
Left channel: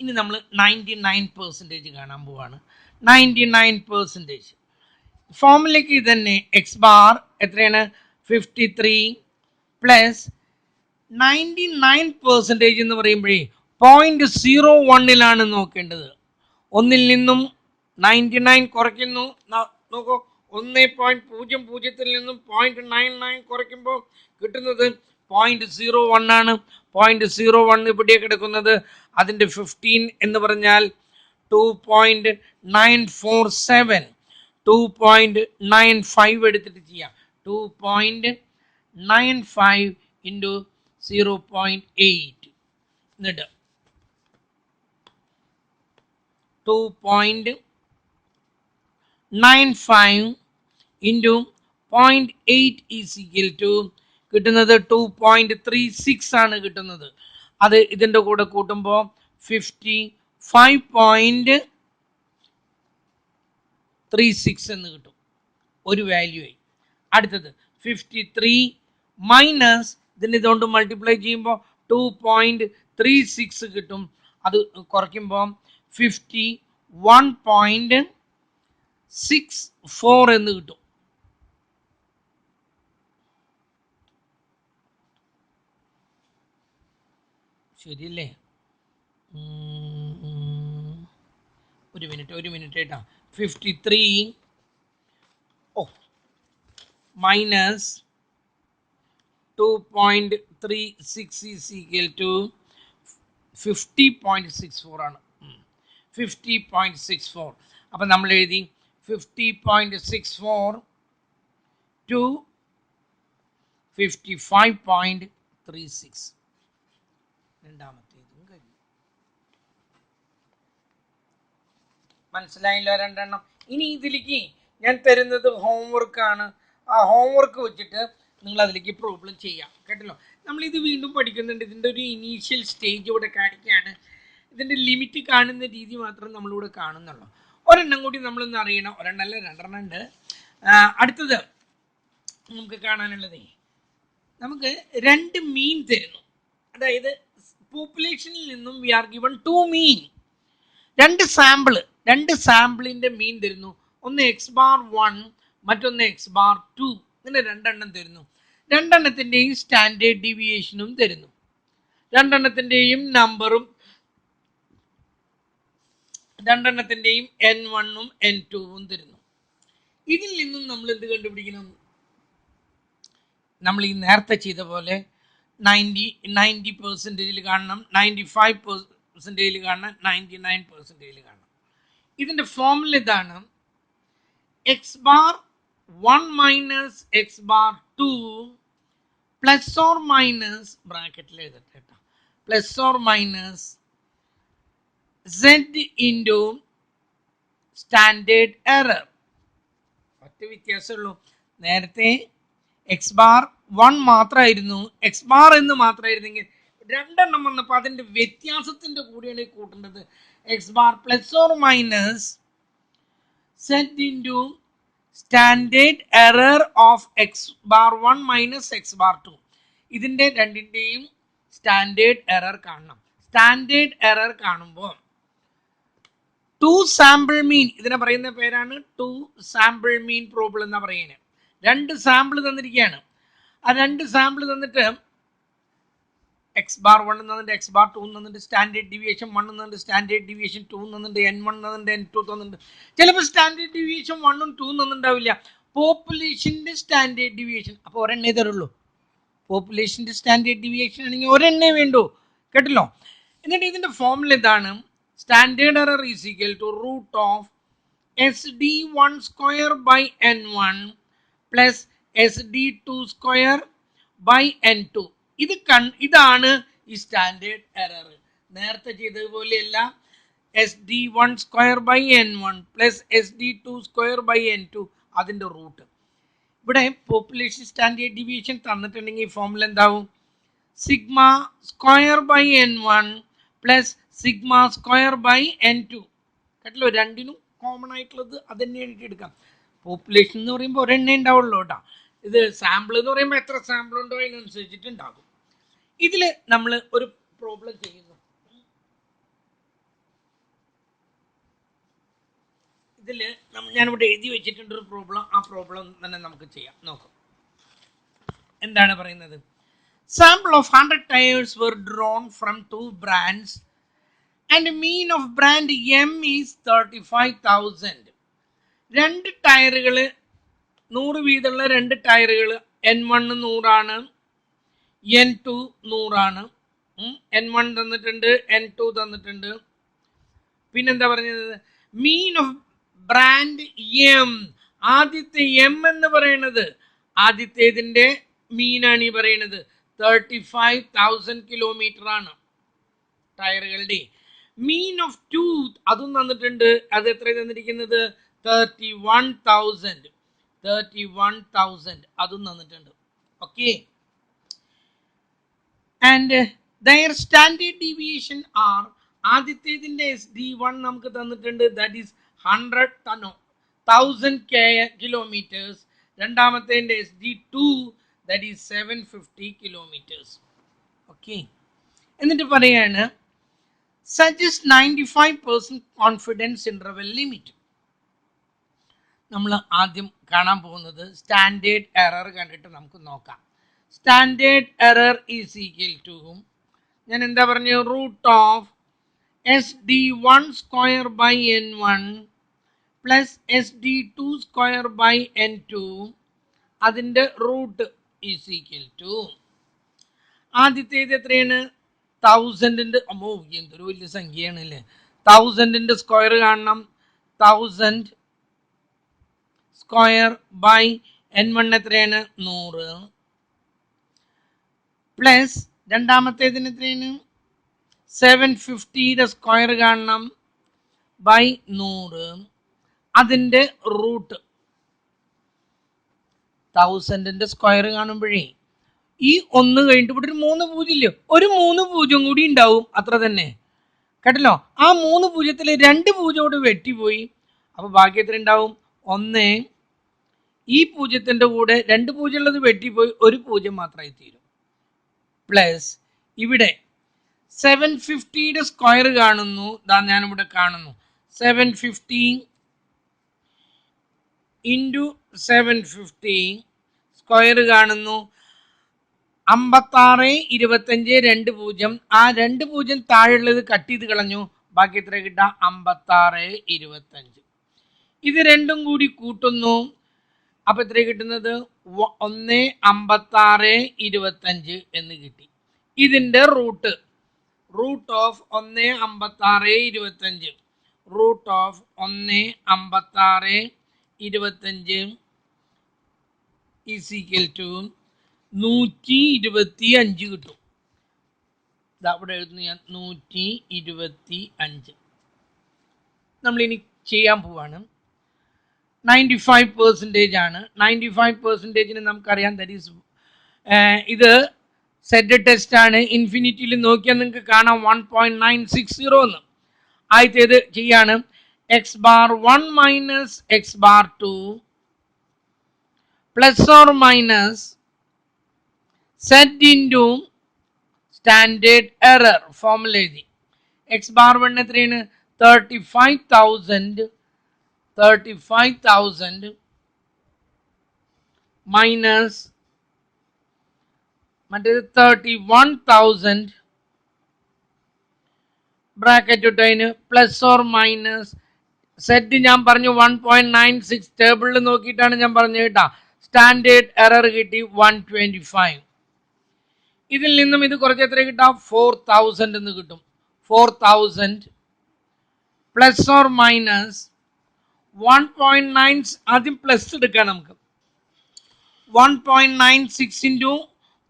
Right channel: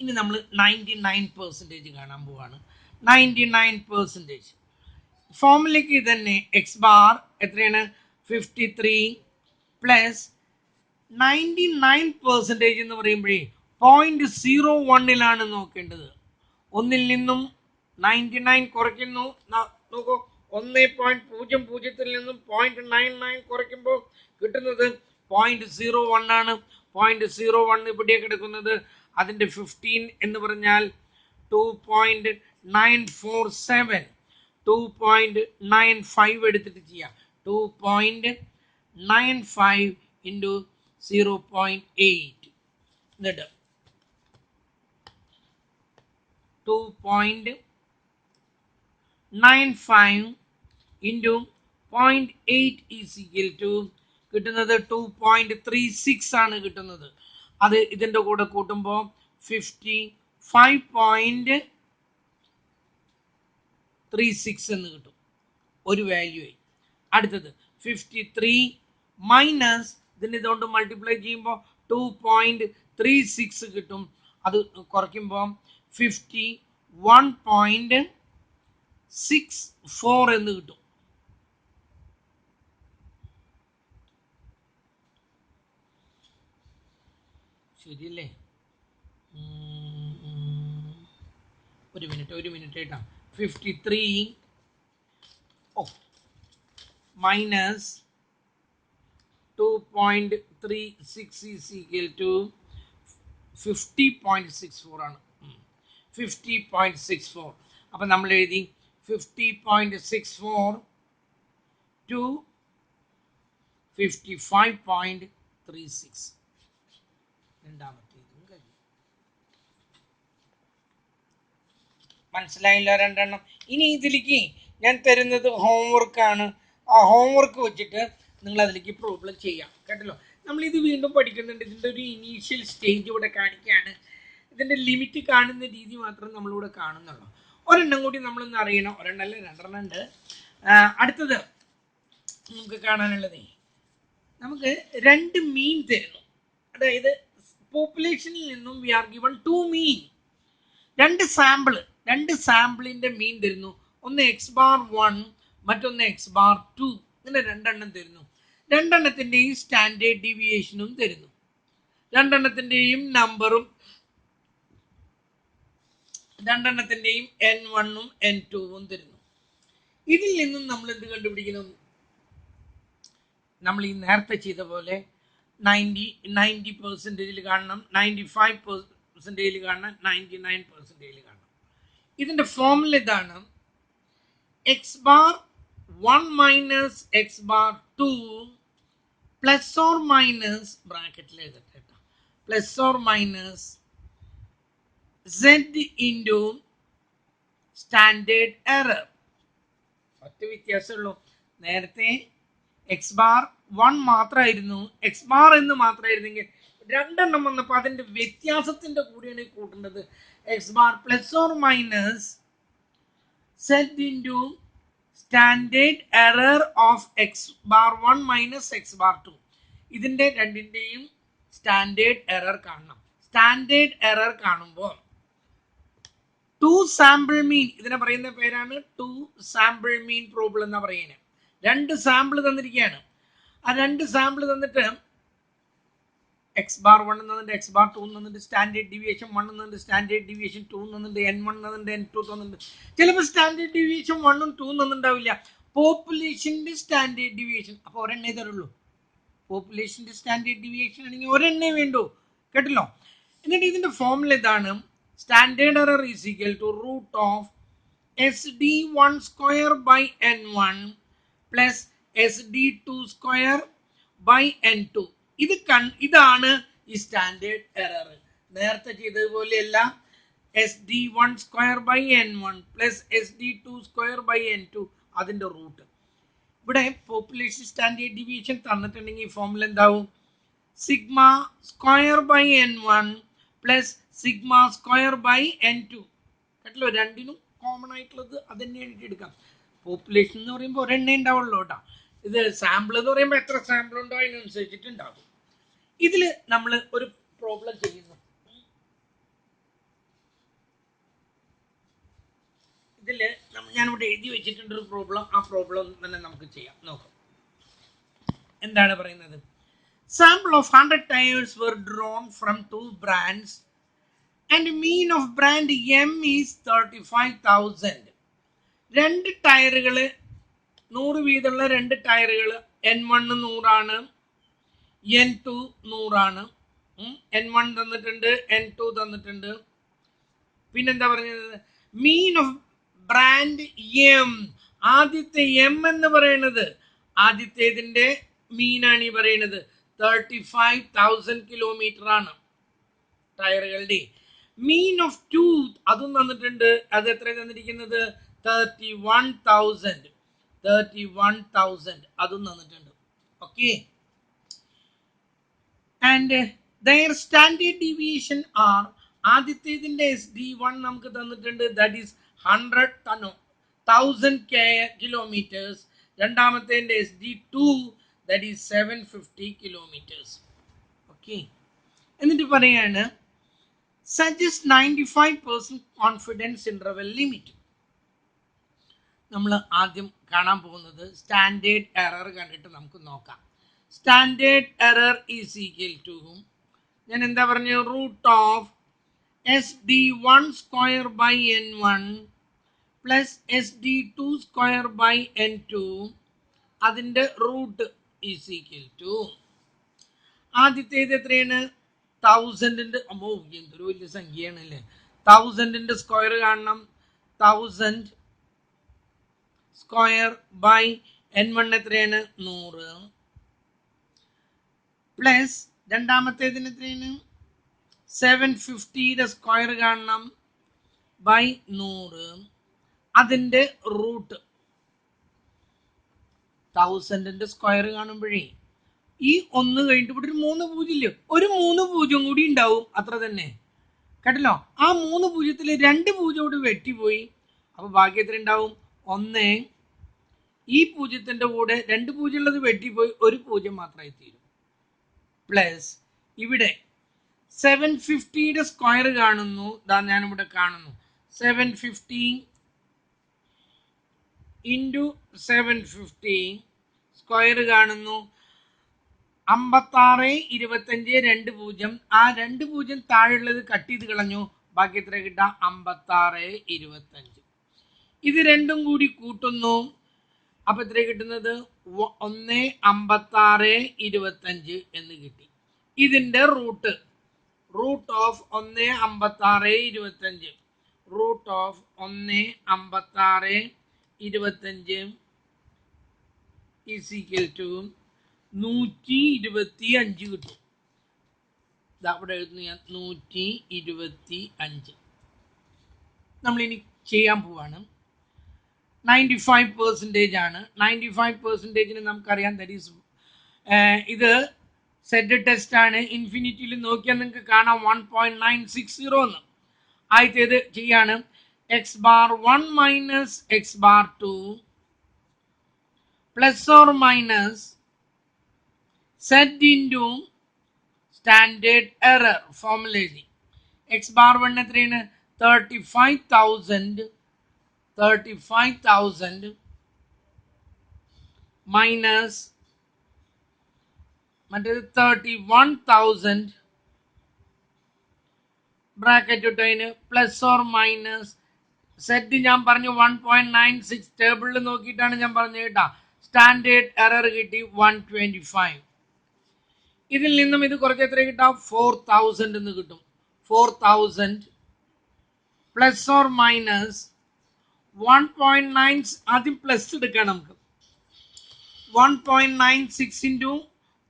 ഇനി നമ്മൾ 99% കാണാൻ പോവാണ്. 99% ഫോമിലേക്ക് തന്നെ എക്സ് ബാർ എത്രയാണ്? 53 പ്ലസ് 99% എന്ന് പറയുമ്പോഴേ 0.01 നോക്കേണ്ടത്. 1 നിന്നും 99 കുറയ്ക്കുന്നു. നോക്കൂ, 1.00 നിന്നും 0.99 കുറയ്ക്കുമ്പോൾ കിട്ടുന്നത് 0.01 ആണ്. 0.01 ഇവിടെ കിടക്കുന്നത്. അതിൻ്റെ 15 എന്ന് പറഞ്ഞാൽ 2.947, 2.95 എടുത്തിട്ട് ചെയ്യാം. 2.95 ഇൻറ്റു 0.8 എന്നിട്ട് 2.95 ഇൻറ്റു 0.8 ഈസ് ഈക്വൽ ടു കിട്ടുന്നത് 2.36 ആണ് കിട്ടുന്നത്. അത് ഇതിൻ്റെ കൂടെ കൂട്ടുമ്പോൾ 55.36 എന്ന് കിട്ടും. ഒരു വാല്യൂ ആയി. അടുത്തത് 53 മൈനസ് ഇതിന് ഇതുകൊണ്ട് മൾട്ടിപ്ലൈ ചെയ്യുമ്പോൾ 2.36 കിട്ടും. അത് കുറയ്ക്കുമ്പോൾ 51.64 എന്ന് കിട്ടും. ശരിയല്ലേ? ഒരു മിനിറ്റ് കേട്ടോ. 53 മൈനസ് 2.36 ഈസ് ഈക്വൽ ടു 50.64 ആണ്. 50.64. അപ്പം നമ്മൾ എഴുതി 50.64 to 55.36. രണ്ടാമത്തേതും കഴിഞ്ഞു. മനസ്സിലായില്ലോ രണ്ടെണ്ണം? ഇനി ഇതിലേക്ക് ഞാൻ തരുന്നത് ഹോംവർക്കാണ്. ആ ഹോംവർക്ക് വെച്ചിട്ട് നിങ്ങൾ അതിലേക്ക് പ്രോബ്ലം ചെയ്യാം. കേട്ടല്ലോ? നമ്മളിത് വീണ്ടും പഠിക്കുന്നുണ്ട്. ഇതിൻ്റെ ഒരു ഇനീഷ്യൽ സ്റ്റേജ് ഇവിടെ കാണിക്കുകയാണ്. ഇതിൻ്റെ ലിമിറ്റ് കാണുന്ന രീതി മാത്രം നമ്മളിവിടെ കാണുന്നുള്ളൂ. ഒരെണ്ണം കൂടി നമ്മളൊന്ന് അറിയണം. ഒരെണ്ണമല്ല, രണ്ടെണ്ണം ഉണ്ട്. അടുത്തത് നമുക്ക് കാണാനുള്ളത്, നമുക്ക് രണ്ട് മീൻ തരുന്നു. അതായത് പോപ്പുലേഷനിൽ നിന്നും വി ആർ ഗിവൺ 2 മീൻ. രണ്ട് സാമ്പിളിൻ്റെ മീൻ തരുന്നു. ഒന്ന് x⁻1 മറ്റൊന്ന് x⁻2. ഇങ്ങനെ രണ്ടെണ്ണം തരുന്നു. രണ്ടെണ്ണത്തിൻ്റെയും സ്റ്റാൻഡേർഡ് ഡീവിയേഷനും തരുന്നു. രണ്ടെണ്ണത്തിൻ്റെയും നമ്പറും രണ്ടെണ്ണത്തിൻ്റെയും n1ഉം n2ഉം തരുന്നു. ഇതിൽ നിന്നും നമ്മൾ എന്ത് കണ്ടുപിടിക്കണം? നമ്മൾ ഈ നേരത്തെ ചെയ്ത പോലെ 90% കാണണം, 95% കാണണം, 99% കാണണം. ഇതിൻ്റെ ഫോർമുല ഇതാണ്: x⁻1 minus x⁻2 plus or minus ബ്രാക്കറ്റിൽ എഴുതട്ടെ, plus or minus z into standard error. ഒറ്റ വ്യത്യാസമുള്ളൂ. നേരത്തെ x⁻1 മാത്രമായിരുന്നു, x⁻ എന്ന് മാത്രമായിരുന്നെങ്കിൽ രണ്ടെണ്ണം വന്നപ്പോൾ അതിൻ്റെ വ്യത്യാസത്തിൻ്റെ കൂടെയാണ് കൂട്ടേണ്ടത്. x⁻ plus or minus z into standard error of x⁻1 minus x⁻2. ഇതിൻ്റെ രണ്ടിൻ്റെയും സ്റ്റാൻഡേർഡ് എറർ കാണണം. സ്റ്റാൻഡേർഡ് എറർ കാണുമ്പോൾ 2 സാമ്പിൾ മീൻ, ഇതിനെ പറയുന്ന പേരാണ് 2 സാമ്പിൾ മീൻ പ്രോബ്ലം എന്നാ പറയുന്നത്. രണ്ട് സാമ്പിൾ തന്നിരിക്കുകയാണ്. ആ രണ്ട് സാമ്പിൾ തന്നിട്ട് x⁻1 തന്നിട്ട് x⁻2 തന്നിട്ട് സ്റ്റാൻഡേർഡ് ഡീവിയേഷൻ 1 തന്നിട്ട് സ്റ്റാൻഡേർഡ് ഡീവിയേഷൻ 2 തന്നിട്ട് n1 തന്നിട്ട് n2 തന്നിട്ട്. ചിലപ്പോൾ സ്റ്റാൻഡേർഡ് ഡീവിയേഷൻ 1ഉം 2ഉം തന്നിട്ടുണ്ടാവില്ല. പോപ്പുലേഷൻ്റെ സ്റ്റാൻഡേർഡ് ഡീവിയേഷൻ അപ്പോൾ ഒരെണ്ണേ തരുള്ളൂ. പോപ്പുലേഷൻ്റെ സ്റ്റാൻഡേർഡ് ഡീവിയേഷൻ ആണെങ്കിൽ ഒരെണ്ണേ വേണ്ടൂ. കേട്ടല്ലോ? എന്നിട്ട് ഇതിൻ്റെ ഫോർമുല ഇതാണ്: standard error is equal to root of SD1 square by n1 plus SD2 square by n2. ഇതാണ് ഈ സ്റ്റാൻഡേർഡ് എറർ. നേരത്തെ ചെയ്തതുപോലെയല്ല. SD1 square by n1 plus SD2 square by n2 അതിൻ്റെ റൂട്ട്. ഇവിടെ പോപ്പുലേഷൻ സ്റ്റാൻഡേർഡ് ഡീവിയേഷൻ തന്നിട്ടുണ്ടെങ്കിൽ ഫോർമുല എന്താവും? Sigma square by n1 plus sigma square by n2. കേട്ടല്ലോ? രണ്ടിനും കോമൺ ആയിട്ടുള്ളത് അത് തന്നെയാണ് എടുക്കാം. പോപ്പുലേഷൻ എന്ന് പറയുമ്പോൾ ഒരെണ്ണേ ഉണ്ടാവുള്ളൂ കേട്ടോ. ഇത് സാമ്പിൾ എന്ന് പറയുമ്പോൾ എത്ര സാമ്പിൾ ഉണ്ടോ അതിനനുസരിച്ചിട്ടുണ്ടാകും. ഇതിൽ നമ്മൾ ഒരു പ്രോബ്ലം ചെയ്യുന്നു. ഇതിൽ ഞാനിവിടെ എഴുതി വെച്ചിട്ടുണ്ട് ഒരു പ്രോബ്ലം. ആ പ്രോബ്ലം തന്നെ നമുക്ക് ചെയ്യാം. നോക്കാം എന്താണ് പറയുന്നത്. Sample of 100 tires were drawn from 2 brands and mean of brand M is 35,000. രണ്ട് ടയറുകൾ 100 വീതമുള്ള രണ്ട് ടയറുകൾ n1 100 ആണ്, N2 100 N1 തന്നിട്ടുണ്ട്, N2 തന്നിട്ടുണ്ട്. പിന്നെന്താ പറഞ്ഞത്? Mean of brand M. ആദ്യത്തെ എം എന്ന് പറയുന്നത് ആദ്യത്തേതിന്റെ മീനാണ് ഈ പറയുന്നത്. 35,000 കിലോമീറ്റർ ആണ് ടയറുകളുടെ. മീൻ ഓഫ് ടൂത്ത് അതും തന്നിട്ടുണ്ട്. അത് എത്ര തന്നിരിക്കുന്നത്? 31,000 അതും തന്നിട്ടുണ്ട്. Okay. And their standard deviation are. ആദ്യത്തേതിന്റെ SD1 നമുക്ക് തന്നിട്ടുണ്ട്, ദാറ്റ് ഈസ് 100,000 കിലോമീറ്റേഴ്സ്. രണ്ടാമത്തേതിന്റെ SD2 that is 750 kilometres. Okay. എന്നിട്ട് പറയാണ് സജസ്റ്റ് 95% കോൺഫിഡൻസ് ഇന്റർവെൽ ലിമിറ്റ്. നമ്മൾ ആദ്യം കാണാൻ പോകുന്നത് സ്റ്റാൻഡേർഡ് എറർ കണ്ടിട്ട് നമുക്ക് നോക്കാം. Standard error is equal to, ഞാൻ എന്താ പറഞ്ഞു, root of SD1 square by N1 plus SD2 square by N2 അതിൻ്റെ റൂട്ട് ഈസ് ഈക്വൽ ടു. ആദ്യത്തേത് എത്രയാണ്? 1000ന്റെ, അമ്മോ എന്തൊരു വലിയ സംഖ്യയാണ് അല്ലേ. 1000ന്റെ സ്ക്വയർ കാണണം. 1000 സ്ക്വയർ ബൈ N1 എത്രയാണ്? 100 പ്ലസ് രണ്ടാമത്തേതിന് എത്രയാണ്? 750യുടെ സ്ക്വയർ കാണണം ബൈ 100 അതിൻ്റെ റൂട്ട്. 1000ന്റെ സ്ക്വയർ കാണുമ്പോഴേ ഈ 1 കഴിഞ്ഞിട്ട് ഇവിടെ ഒരു 3 പൂജ്യം ഇല്ലേ, ഒരു 3 പൂജ്യം കൂടി ഉണ്ടാവും, അത്ര തന്നെ കേട്ടല്ലോ. ആ 3 പൂജ്യത്തിൽ 2 പൂജ്യം വെട്ടിപ്പോയി. അപ്പൊ ബാക്കി എത്ര ഉണ്ടാവും? 1. ഈ പൂജ്യത്തിന്റെ കൂടെ 2 പൂജ്യം ഉള്ളത് വെട്ടിപ്പോയി, ഒരു പൂജ്യം മാത്രമായി തീരും. പ്ലസ് ഇവിടെ 750യുടെ സ്ക്വയർ കാണുന്നു, ഞാനിവിടെ കാണുന്നു. 750 ഇൻറ്റു 750 സ്ക്വയർ കാണുന്നു 56, 25, 2 പൂജ്യം. ആ 2 പൂജ്യം താഴെയുള്ളത് കട്ട് ചെയ്ത് കളഞ്ഞു. ബാക്കി എത്ര കിട്ടാം? 56, 25. ഇത് രണ്ടും കൂടി കൂട്ടുന്നു. അപ്പൊ എത്ര കിട്ടുന്നത്? 1, 56, 25 എന്ന് കിട്ടി. ഇതിന്റെ root of 1, 56, 25 root of 1, 56, 25 is equal to 125 കിട്ടും. ഇവിടെ എഴുതുന്നു ഞാൻ 125. നമ്മളിനി ചെയ്യാൻ പോവാണ്. 95% ആണ്. 95%ന് നമുക്കറിയാം, ദാറ്റ് ഈസ് ഇത് സെറ്റ് ടെസ്റ്റ് ആണ്. ഇൻഫിനിറ്റിയിൽ നോക്കിയാൽ നിങ്ങൾക്ക് കാണാം 1.960 എന്ന്. ആദ്യത്തേത് ചെയ്യാണ്. x⁻1 minus x⁻2 plus or minus set into standard error formula എഴുതി. x⁻1 എത്രയാണ്? 35,000 മൈനസ് മറ്റേത് 31,000 ബ്രാക്കറ്റ് ഇട്ടതിന് പ്ലസ് ഓർ മൈനസ് സെറ്റ് ഞാൻ പറഞ്ഞു 1.96 ടേബിളിൽ നോക്കിയിട്ടാണ് ഞാൻ പറഞ്ഞത് കേട്ടാ. സ്റ്റാൻഡേർഡ് എറർ കിട്ടി 125. ഇതിൽ നിന്നും ഇത് കുറച്ച് എത്ര കിട്ടാം? 4,000 എന്ന് കിട്ടും. 4,000 പ്ലസ് ഓർ മൈനസ് 1.9, ആദ്യം പ്ലസ് എടുക്കാം നമുക്ക്. 1.96 ഇൻറ്റു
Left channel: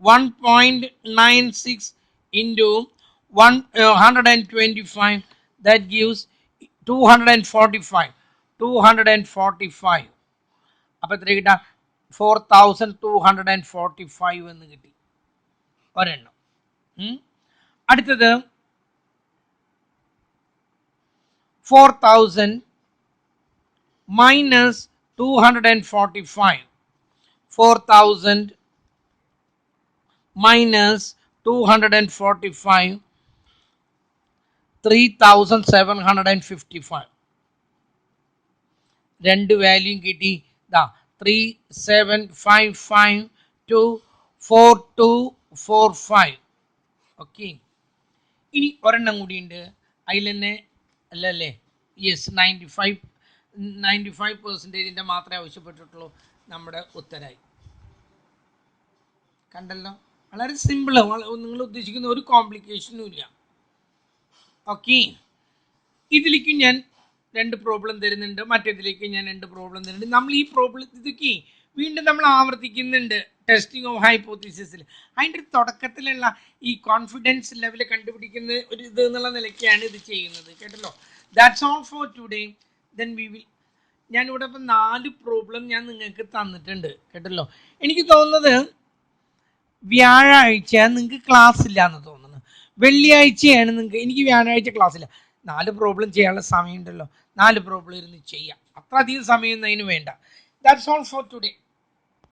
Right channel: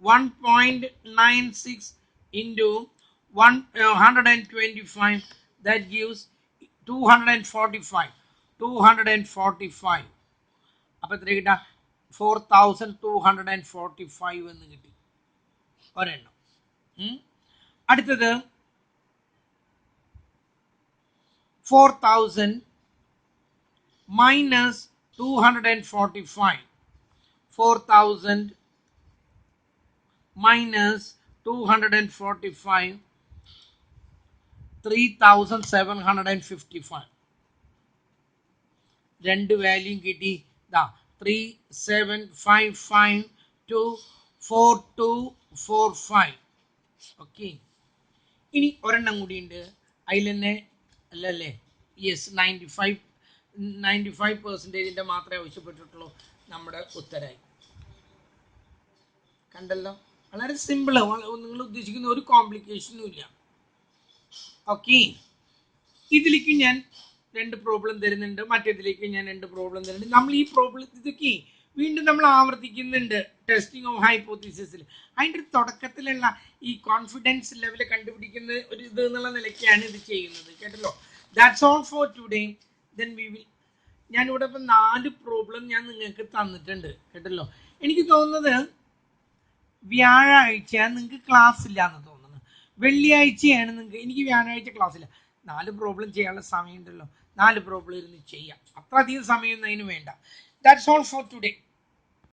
1.96 into 125, that gives 245. അപ്പൊ എത്ര കിട്ടാ? 4,245 എന്ന് കിട്ടി ഒരെണ്ണം. അടുത്തത് 4,000 minus 245. 4,000 minus 245, 3,755. രണ്ട് വാല്യൂം കിട്ടി. 3755,24245. ഓക്കെ. ഇനി ഒരെണ്ണം കൂടിയുണ്ട്. അതിൽ തന്നെ അല്ലല്ലേ? യെസ്, 95% മാത്രമേ ആവശ്യപ്പെട്ടിട്ടുള്ളൂ. നമ്മുടെ ഉത്തരായി കണ്ടല്ലോ. വളരെ സിമ്പിള്, നിങ്ങൾ ഉദ്ദേശിക്കുന്ന ഒരു കോംപ്ലിക്കേഷനും ഇല്ല. ഓക്കെ, ഇതിലേക്ക് ഞാൻ 2 പ്രോബ്ലം തരുന്നുണ്ട്, മറ്റേതിലേക്ക് ഞാൻ 2 പ്രോബ്ലം തരുന്നുണ്ട്. നമ്മൾ ഈ പ്രോബ്ലം ഇതൊക്കെ വീണ്ടും നമ്മൾ ആവർത്തിക്കുന്നുണ്ട് ടെസ്റ്റിംഗ് ഓഫ് ഹൈപ്പോത്തീസിസിൽ. അതിൻ്റെ ഒരു തുടക്കത്തിലുള്ള ഈ കോൺഫിഡൻസ് ലെവൽ കണ്ടുപിടിക്കുന്ന ഒരു ഇത് എന്നുള്ള നിലയ്ക്കാണ് ഇത് ചെയ്യുന്നത്. കേട്ടല്ലോ. That's all for today. Then we will, ഞാനിവിടെ ഇപ്പം 4 പ്രോബ്ലം ഞാൻ നിങ്ങൾക്ക് തന്നിട്ടുണ്ട്. കേട്ടല്ലോ. എനിക്ക് തോന്നുന്നത് വ്യാഴാഴ്ച നിങ്ങൾക്ക് ക്ലാസ് ഇല്ല എന്ന് തോന്നുന്നു. വെള്ളിയാഴ്ചയാണ് നിങ്ങൾക്ക്, എനിക്ക് വ്യാഴാഴ്ച ക്ലാസ് ഇല്ല. 4 പ്രോബ്ലം ചെയ്യാനുള്ള സമയമുണ്ടല്ലോ, 4 പ്രോബ്ലം ഇരുന്ന് ചെയ്യാം. അത്ര അധികം സമയം അതിന് വേണ്ട. That's all for today.